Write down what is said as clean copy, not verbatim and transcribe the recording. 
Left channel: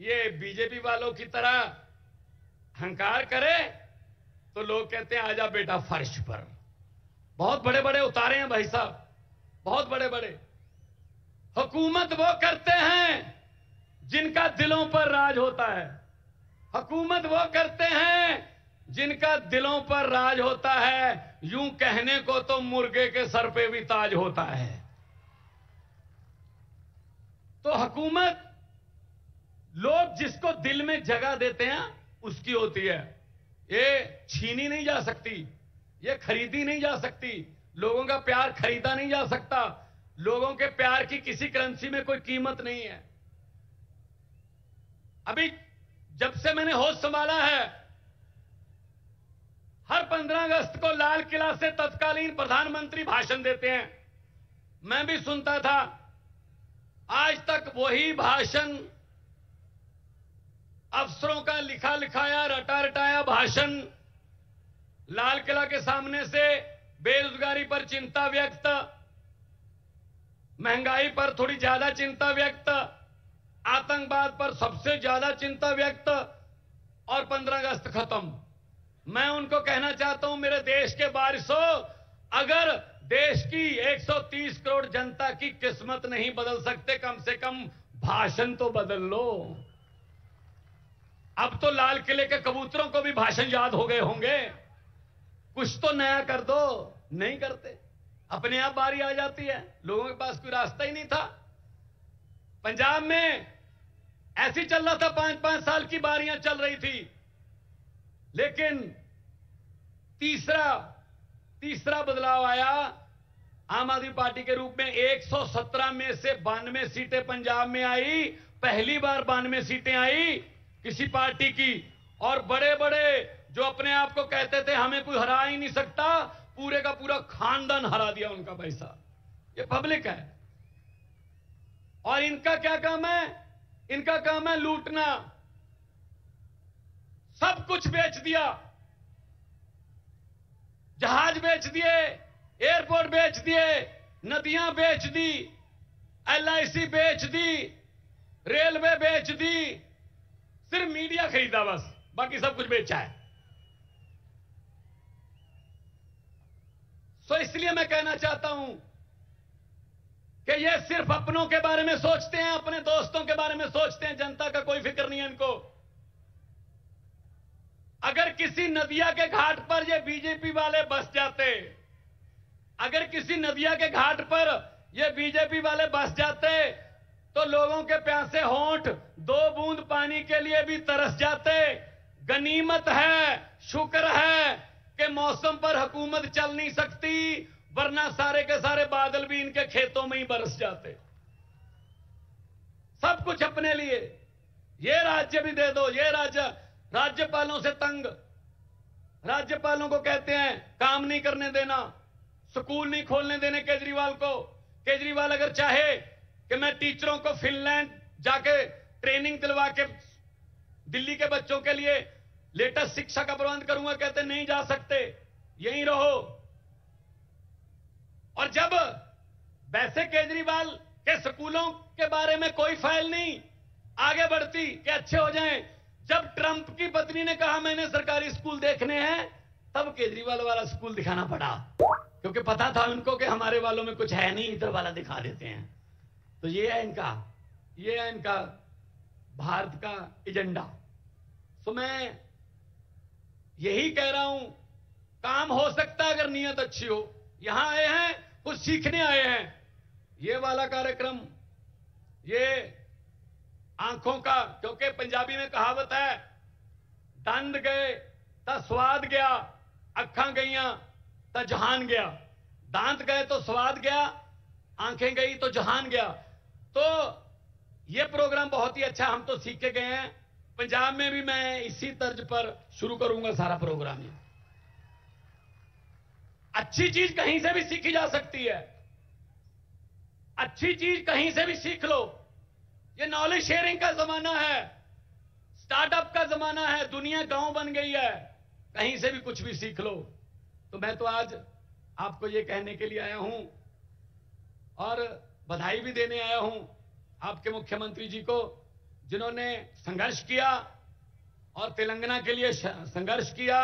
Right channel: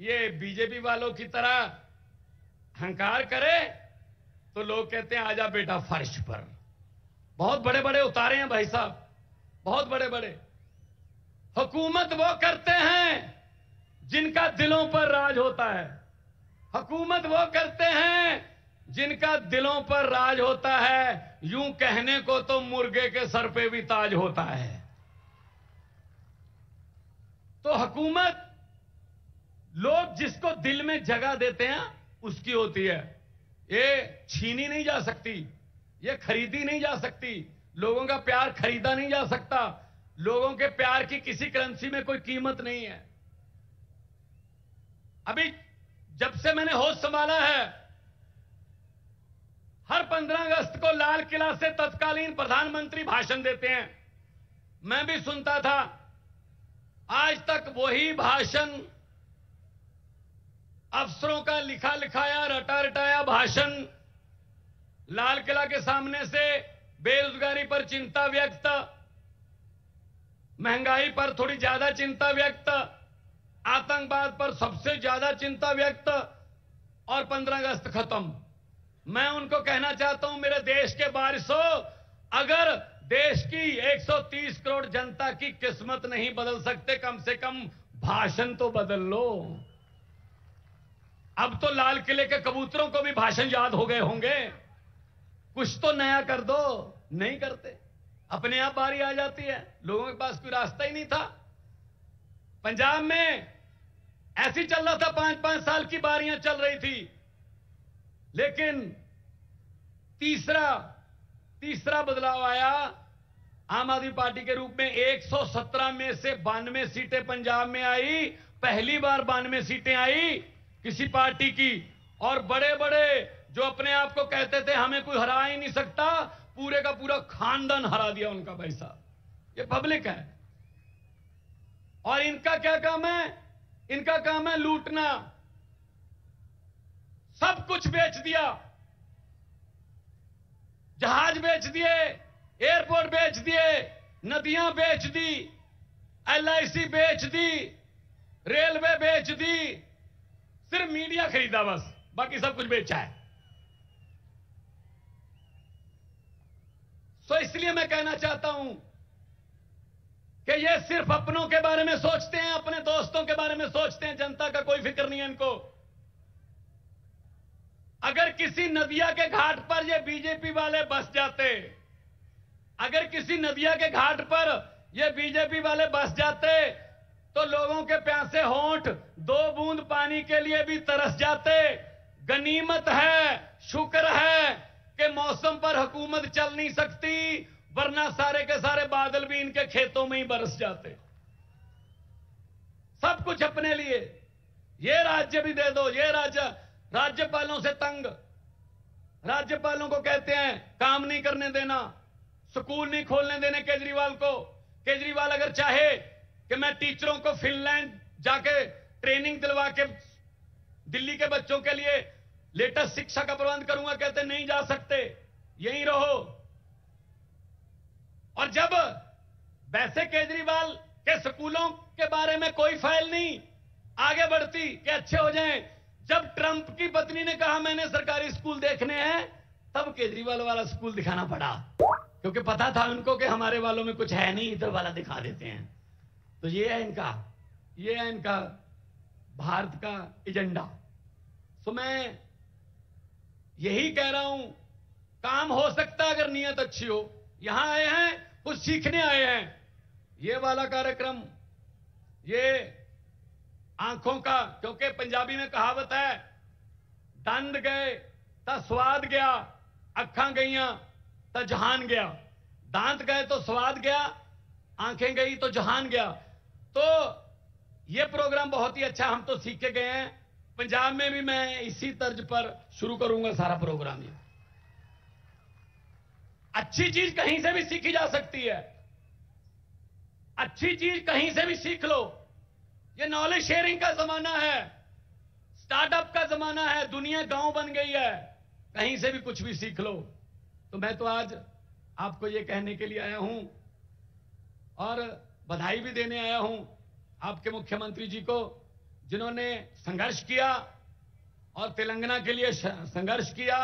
ये बीजेपी वालों की तरह हंकार करे तो लोग कहते हैं आजा बेटा फर्श पर। बहुत बड़े बड़े उतारे हैं भाई साहब, बहुत बड़े बड़े। हुकूमत वो करते हैं जिनका दिलों पर राज होता है। हुकूमत वो करते हैं जिनका दिलों पर राज होता है। यूं कहने को तो मुर्गे के सर पे भी ताज होता है। तो हुकूमत लोग जिसको दिल में जगह देते हैं उसकी होती है। ये छीनी नहीं जा सकती, ये खरीदी नहीं जा सकती। लोगों का प्यार खरीदा नहीं जा सकता। लोगों के प्यार की किसी करेंसी में कोई कीमत नहीं है। अभी जब से मैंने होश संभाला है, हर 15 अगस्त को लाल किला से तत्कालीन प्रधानमंत्री भाषण देते हैं। मैं भी सुनता था। आज तक वही भाषण, अफसरों का लिखा लिखाया रटा रटाया भाषण, लाल किला के सामने से बेरोजगारी पर चिंता व्यक्त, महंगाई पर थोड़ी ज्यादा चिंता व्यक्त, आतंकवाद पर सबसे ज्यादा चिंता व्यक्त, और 15 अगस्त खत्म। मैं उनको कहना चाहता हूं, मेरे देश के वारिसों, अगर देश की 130 करोड़ जनता की किस्मत नहीं बदल सकते, कम से कम भाषण तो बदल लो। अब तो लाल किले के कबूतरों को भी भाषण याद हो गए होंगे। कुछ तो नया कर दो, नहीं करते। अपने आप बारी आ जाती है। लोगों के पास कोई रास्ता ही नहीं था। पंजाब में ऐसी चल रहा था, 5-5 साल की बारियां चल रही थी। लेकिन तीसरा बदलाव आया आम आदमी पार्टी के रूप में। 117 में से 92 सीटें पंजाब में आई। पहली बार 92 सीटें आई किसी पार्टी की। और बड़े बड़े जो अपने आप को कहते थे हमें कोई हरा ही नहीं सकता, पूरे का पूरा खानदान हरा दिया उनका। पैसा, ये पब्लिक है। और इनका क्या काम है? इनका काम है लूटना। सब कुछ बेच दिया। जहाज बेच दिए, एयरपोर्ट बेच दिए, नदियां बेच दी, LIC बेच दी, रेलवे बेच दी। सिर्फ मीडिया खरीदा बस, बाकी सब कुछ बेचा है। तो इसलिए मैं कहना चाहता हूं कि ये सिर्फ अपनों के बारे में सोचते हैं, अपने दोस्तों के बारे में सोचते हैं। जनता का कोई फिक्र नहीं है इनको। अगर किसी नदिया के घाट पर ये बीजेपी वाले बस जाते, अगर किसी नदिया के घाट पर ये बीजेपी वाले बस जाते, तो लोगों के प्यासे होंठ 2 बूंद पानी के लिए भी तरस जाते। गनीमत है, शुक्र है कि मौसम पर हुकूमत चल नहीं सकती, वरना सारे के सारे बादल भी इनके खेतों में ही बरस जाते। सब कुछ अपने लिए। ये राज्य भी दे दो। ये राज्यपालों से तंग। राज्यपालों को कहते हैं काम नहीं करने देना, स्कूल नहीं खोलने देने केजरीवाल को। केजरीवाल अगर चाहे कि मैं टीचरों को फिनलैंड जाके ट्रेनिंग दिलवा के दिल्ली के बच्चों के लिए लेटेस्ट शिक्षा का प्रबंध करूंगा, कहते नहीं जा सकते, यहीं रहो। और जब वैसे केजरीवाल के स्कूलों के बारे में कोई फाइल नहीं आगे बढ़ती कि अच्छे हो जाएं, जब ट्रंप की पत्नी ने कहा मैंने सरकारी स्कूल देखने हैं, तब केजरीवाल वाला स्कूल दिखाना पड़ा, क्योंकि पता था उनको कि हमारे वालों में कुछ है नहीं, इधर वाला दिखा देते हैं। तो ये है इनका भारत का एजेंडा। तो मैं यही कह रहा हूं, काम हो सकता है अगर नियत अच्छी हो। यहां आए हैं, कुछ सीखने आए हैं। ये वाला कार्यक्रम, ये आंखों का, क्योंकि पंजाबी में कहावत है, दंद गए तो स्वाद गया, अखां गईयां तो जहान गया। दांत गए तो स्वाद गया, आंखें गई तो जहान गया। तो ये प्रोग्राम बहुत ही अच्छा, हम तो सीख के गए हैं। पंजाब में भी मैं इसी तर्ज पर शुरू करूंगा सारा प्रोग्राम। ये अच्छी चीज कहीं से भी सीखी जा सकती है। अच्छी चीज कहीं से भी सीख लो। ये नॉलेज शेयरिंग का जमाना है, स्टार्टअप का जमाना है, दुनिया गांव बन गई है, कहीं से भी कुछ भी सीख लो। तो मैं तो आज आपको ये कहने के लिए आया हूं और बधाई भी देने आया हूं आपके मुख्यमंत्री जी को, जिन्होंने संघर्ष किया और तेलंगाना के लिए संघर्ष किया,